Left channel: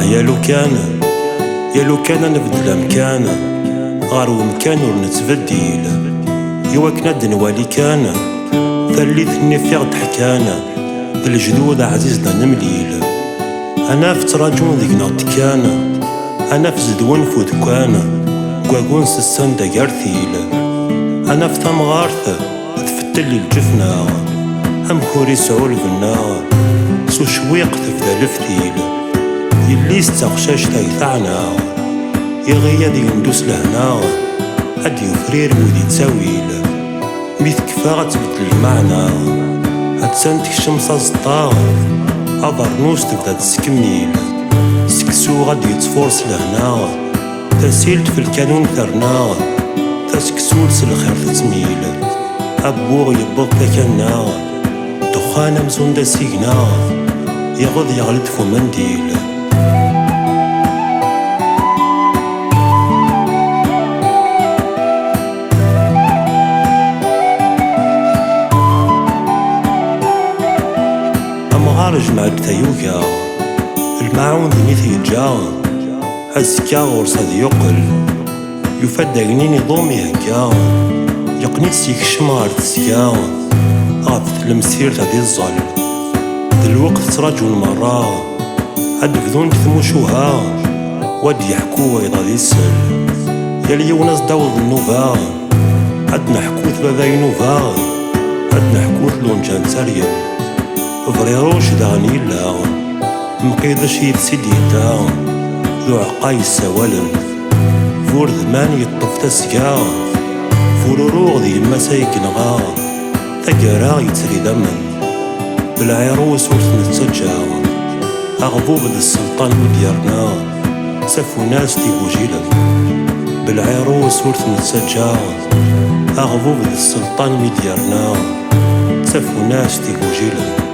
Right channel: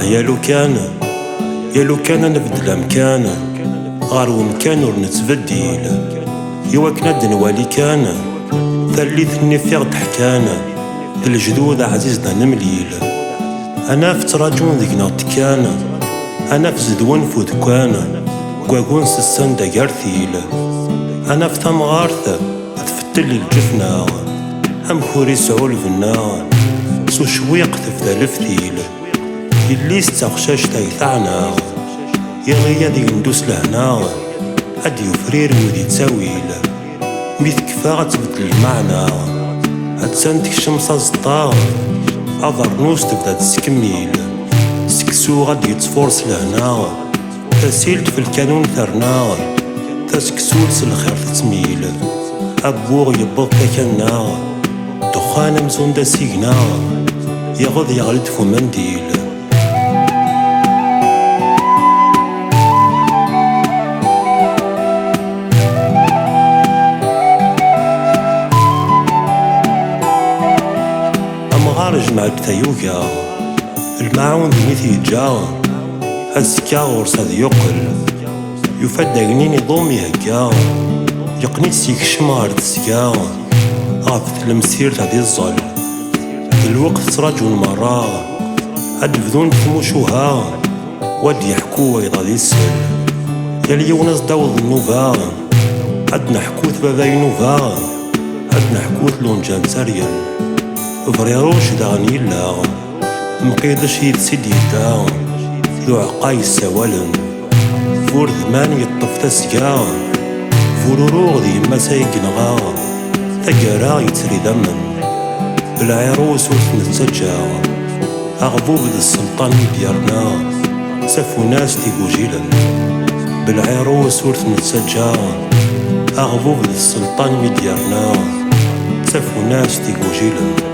يا لو كان نبدل أمكان غار ومكان ور نتبديل يواكنا دنوالي كان ثليثني فيغ تحكان ذا الجدود عزيزنا نمليل أنا في تراجون ذيك كان أنا في زدون فودكان قواقون سسان دا قارثيل أنا في تمغارث تفتلي الجفنا أم كوري سعول فنا سو شويق تفذا الفتيل يلي استغشاش تايثعنا يغيا ذي ندوس لهنا هاد يفرير ودي تساويل ميث كفا تبدل المعنى هتسان تكشم صازطا أضر نوس تبدا تسكميل سكسو غادي يتفورس لهنا تسيلت في الكانون ثرنا تسكسولس الخير تتميل أبوغ يبوغ تاكنا دخان مزون دا سيقنا يغض يغلد فو منديل أمغار جمعت تايوكا الماعون ذي جا هزكا غورس هذ يقل يفد أغنيني ضومي هكا يقنيت سيكشم غار تسكا غاف المسير هذي الظل الوقت تراجون مرة هاد بذون تثموشوها واد يحكو ويضا دي السل يالي وناس داوض النوفا هاد نحكوث باباي نوفا هاد نحكوث لونجان تاريل فريروش داغني لا مقيدش يتسيديتا ذو عقاي السوالن فور ذمان يطف تسقا فورورو ذي ما سايقنغا ثقرا يتري دمن بالعيروس ورث نتسجا أغبوب ذي السلطان مديارنا سافو ناس تيقوجيلا بالعيروس ورث نتسجا أغبوب ذي السلطان مديارنا سافو ناس تيقوجيلا